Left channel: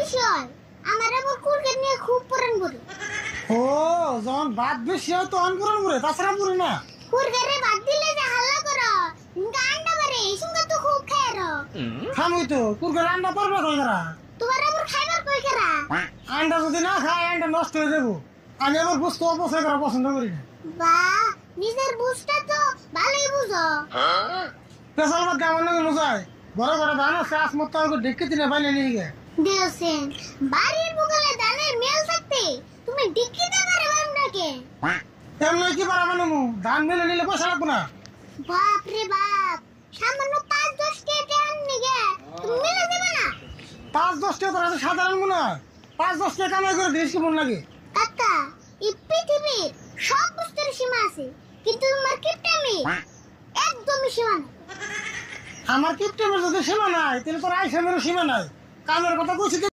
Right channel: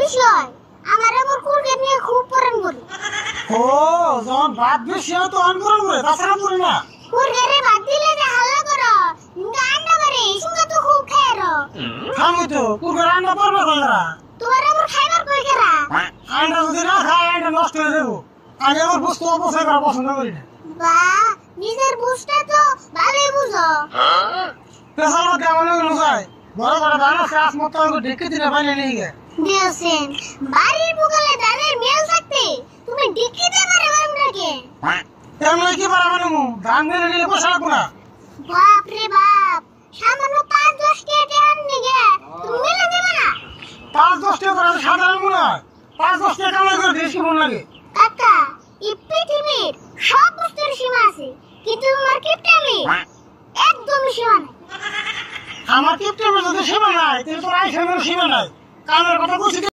বিষয় আমার আবার কুরকে নিয়ে খুব পরান করে। ও যখন ভাত বেশি হয় তখন গরম করে, তাছাড়া করে না। কুরকে ভাত দিলে যে হাল্লা করো, আন্ডা বারে সঙ্গে তো খুব খায় রো। খামি তো কুরকে রান্না পারবে না। তোমার আবার খাইবার কই করা? আন্ডা যদি না খায় আন্ডা নষ্ট হয়ে যাবো। আমি আমার বুঝতে অপছন্দ করা পছন্দ করি না। বাহ, নিজের বুঝটা তো ভালোই বুঝো। পেশার মধ্যে আমার মনে যায় বড় বড় ধান আছে আসমত ঢেকে দিলে বাইরে নিয়ে গে দিয়েছেন বাড়ির বুকালে ধানের মেল থাকতে তুমি ডিকিতে পারে নাকি? এমনি কি পারা মানে ধান মেলে নিলে পয়সা লাগবো না। বাপ রে বাপ, সামান্য ৫-১০ টাকা আননি গে তুমি মেলে দেবে না? ৫-১০ টাকা করে সাধারণ মনে হয়। ৫-১০ টাকা কামাই করে দেশ কি মন লাগে? কাকা, এই পৃথিবীর সব বস্তুর সীমা আছে, কিন্তু তোমার কিপটামি একদমই সীমা নাই। আমার কিপটেমের যদি সীমা নাই তাহলে তোর আইসেমের সীমা নাই। কামের কথা বলছি।